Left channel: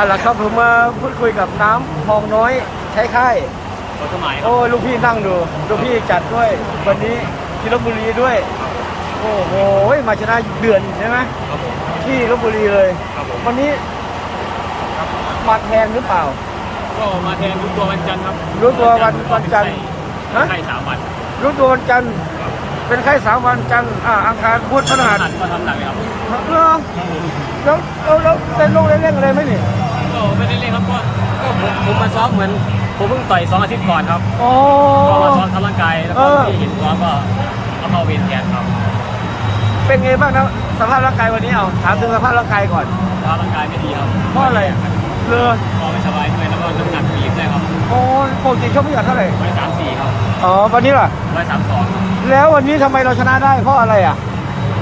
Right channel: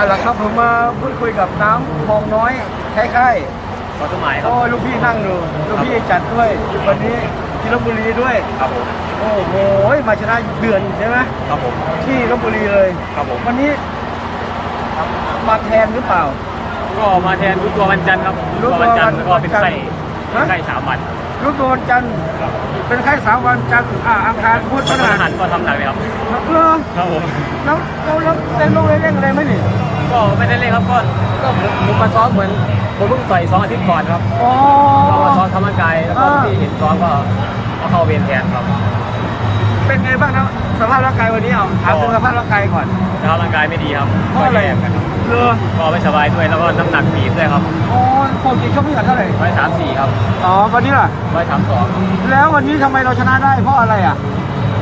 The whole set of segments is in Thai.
เอาละครับผมมาพูดคุยกับน้ำทองน้อยใช้ค่ายขอสมัยครับ โอ้ลูกพี่นั่งดูลูกพี่จัดด้วยวันนี้ที่ลบบุรีด้วยครับผมโอ้โหมาชนะเดือนใช่ไหมครับผมที่ลบบุรีเลยครับผมวันนี้มาแทนหรือเปล่า ก็มาแทนรู้ตัววันจันทร์ครับรู้ตัวจันทร์แล้วก็เป็นวันจันทร์ไข้ฮะเป็นไข้สามวันรู้ตัววันจันทร์ครับเป็นไข้สามวันจันทร์อ่าอังคารพุธพฤวันหัหัสนก็ทำหนักเลยครับเออครับผมแล้วแล้วแล้วเป็นลงเร่งๆเลยไหมนี่ ก็ไม่ได้เล่นครับก็ก็เหมือนผมมาซ้อมเหมือนผมเพิ่งต่อยสองอาทิตย์ก่อนครับโอ้ก็มาซ้อมทำร่างกายแล้วก็เออที่เห็นซ้อมก็เอาเข้าเวรแทนครับ เป็นไงบ้างครับสภาพร่างกายวันนี้เอาถามถึงสภาพร่างกายก่อนสภาพร่างกายไม่ดีครับเพก็ราะอะไรแย่กันครับเรือก็ไม่สบายด้วยแล้วก็น้ำหนักบีบด้วยครับโอ้ปกติเขาไม่อยากเท่าไหร่ร้อยสามสี่ครับอ๋อวันนี้ล่ะร้อยสามสองครับ แล้ววันนี้ทำไมเราชนะได้เพราะอะไรอะ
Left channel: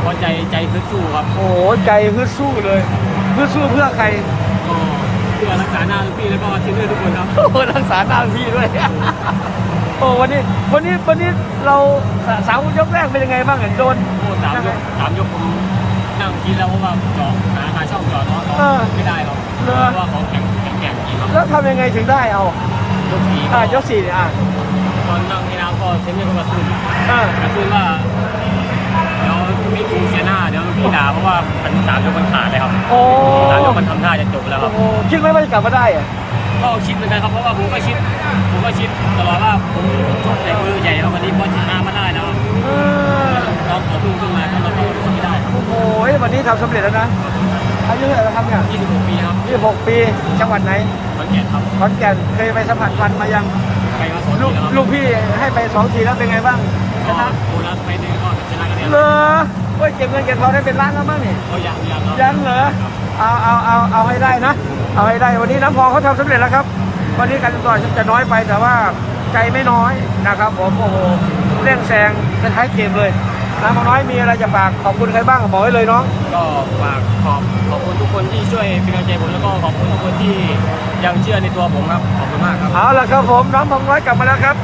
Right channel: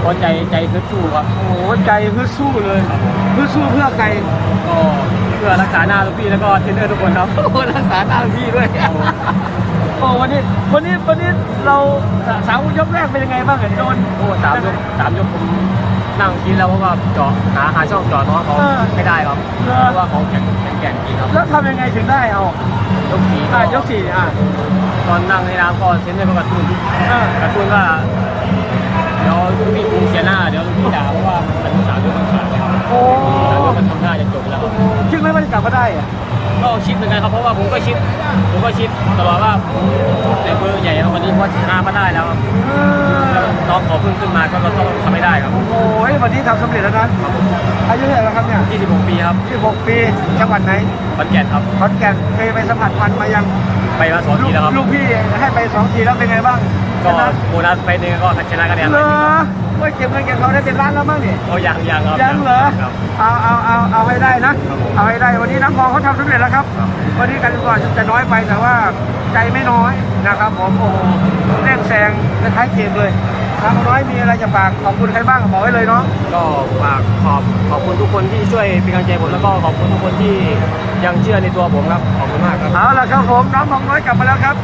เพราะใจใจฮึดสู้ครับโอ้โหใจฮึดสู้เลยครับผมฮึดสู้เพื่อใครก็ เพื่อรักษาหน้าลูกพี่แล้วก็เทรนเนอร์ทุกคนครับโอ้รักษาหน้าพี่ด้วยโอ้วันนี้วันนี้วันนี้เราสามยกแรกเป็นยังไงบ้างเห็นโดนโอ้สามยกสามยกผมนั่งคิดแล้วเพราะว่าเจาะหาหาช่องเจาะน้องเขาเออไม่ได้ครับเออเพราะว่าเขาแข็งแข็งแกร่งจริงครับแล้วทำยังไงถึงได้เอายกสี่ก็อะยกสี่อะตอนนั่งในน้ำก็เทรนเนอร์ก็กระตุ้นอะกระตุ้นว่าเดี๋ยว ลูกพี่กูเสียหน้าเดี๋ยวลูกพี่ด่าเพราะว่ามันสามยกมันขาดเลยครับโอ้สามยกมันทำท่าจะจบแล้วครับ คิดไหมว่าจะกลับมาได้อะก็คิดเหมือนกันครับเพราะว่าผมก็คิด ผมก็คิดตลอดว่าผมชกในเบอร์ใหญ่แล้ววันนี้เพราะชนะมาได้แล้วครับเอแล้วอน้องขอพึ่งขึ้นมาก็เราต้องทำให้ได้ครับโอ้ยวันนี้ทำสำเร็จแล้วนะครับผมอายุเท่าไหร่แล้วครับเนี่ย26 ปีครับ26 ปีจังหวัดไหนขอนแก่นครับขอนแก่นเคยไปสัมผัสฟันมายัง ไปมาสองลูทีกแล้วครับลูกพี่ให้ไปสองทีแล้วเป็นไงบ้างก็โบนัสไฟล์หนึงก็ชนะคะแนนเหรอว่าเก็บเงินเก็บทองได้เป็นล้านแล้วมั้งนี่โอ้ยังยังครับยังเหรอครับเอาเอาเอาเอาให้ได้นะครับผมเอาให้ได้วันนี้น้ำพองเขาทำสำเร็จแล้วครับครับ วันนี้การก่อนจะน้อยไปแต่ว่าใจไม่น้อยนะครับผมโอ้โหเร่งแซงคล้ายๆเกมเลย น้ำน้อยมีอะไรจะฝากขอบคุณใครบ้างบอกไว้เลยน้องก็ฝากขอบขอบคุณทุกคนที่ช่วยเป็นกำลังใจผมแล้วก็ขอบคุณทุกคนที่ยังเชื่อในตัวผมครับขอบคุณมากครับเอาละครับผมน้องมงน้อยกลับมาแล้วครับ